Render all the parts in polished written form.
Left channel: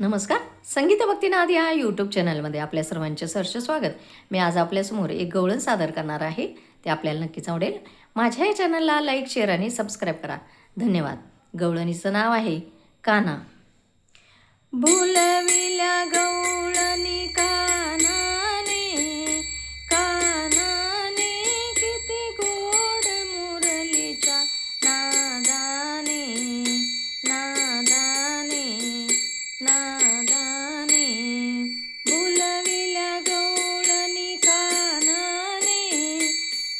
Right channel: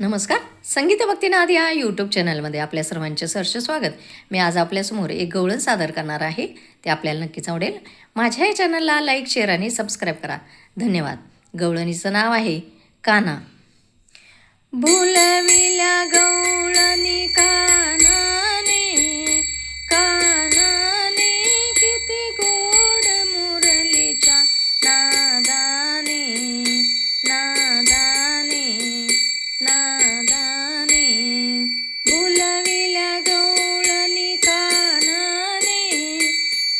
नमस्कार. संगीत भक्तिनाद या यूट्यूब चॅनलमध्ये आपल्या सर्वांचे सहर्ष स्वागत. मी आज आपल्यासमोर एक गवळण सादर करणार आहे. ते आपल्याला नक्कीच आवडेल. माझ्या या चॅनलला लाईक, शेअर आणि सबस्क्राईब करा. धन्यवाद. गवळणीचं नाव आहे काना. भुलविल्या गवळणी कानाने, कानाने किती गोड मुरलीच्या नादाने, नादाने, नादाने. भुलविल्या गवळणी कानाने,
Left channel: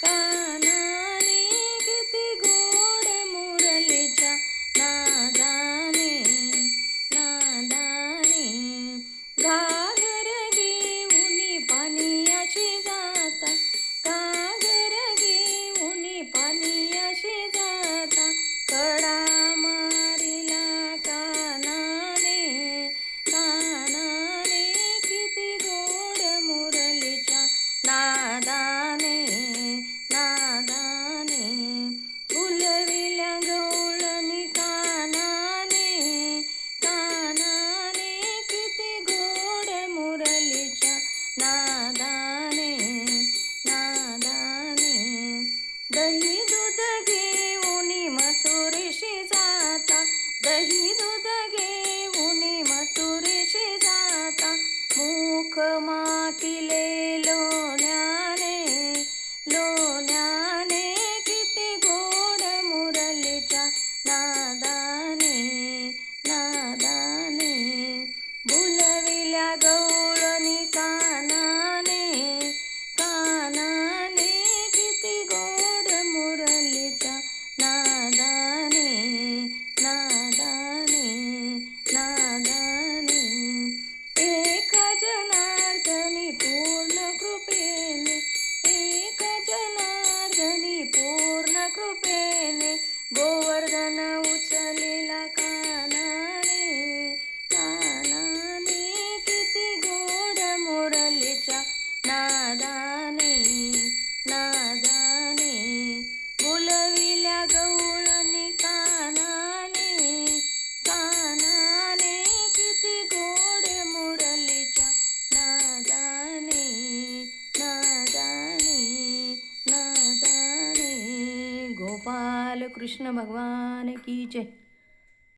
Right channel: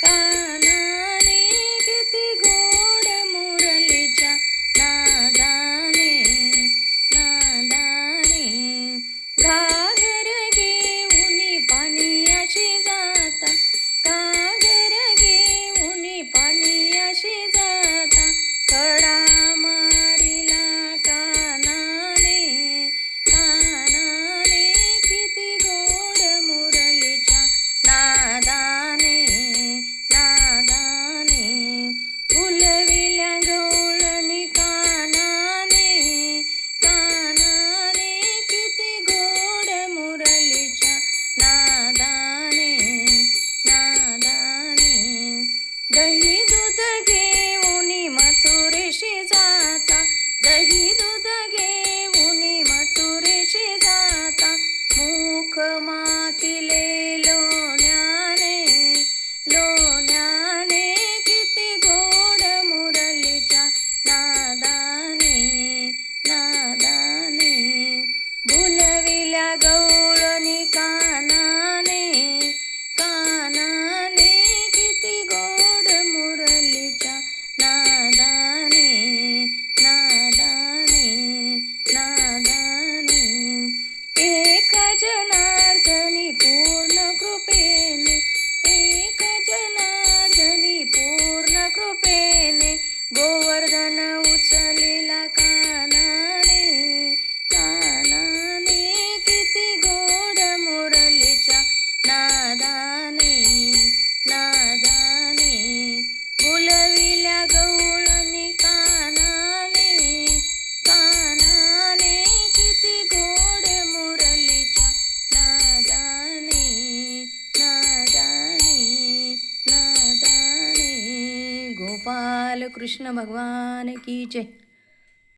कानाने किती गोड मुरलीच्या नादाने, नादाने. घागर घेऊनी पाणी अशी जाता, घागर घेऊनी पाणी अशी जाता. कडा मारिला कानाने, कानाने किती गोड मुरलीच्या नादाने, नादाने. भुलविल्या गवळणी कानाने, कानाने किती गोड मुरलीच्या नादाने, नादाने. दही दूध घेऊनी मथुरेशी जाता, दही दूध घेऊनी मथुरेशी जाता. मुख मातिले लोण्याने, लोण्याने किती गोड मुरलीच्या नादाने, नादाने. भुलविल्या गवळणी कानाने, कानाने किती गोड मुरलीच्या नादाने, नादाने, नादाने. एका जनार्दनी पूर्ण कृपेने, एका जनार्दनी पूर्ण कृपेने. गोवर्धन उचलिला कानाने, कानाने किती गोड मुरलीच्या नादाने, नादाने. भुलविल्या गवळणी कानाने, कानाने किती गोड मुरलीच्या नादाने, नादाने, नादाने. गोपाल कृष्ण भगवान की जय.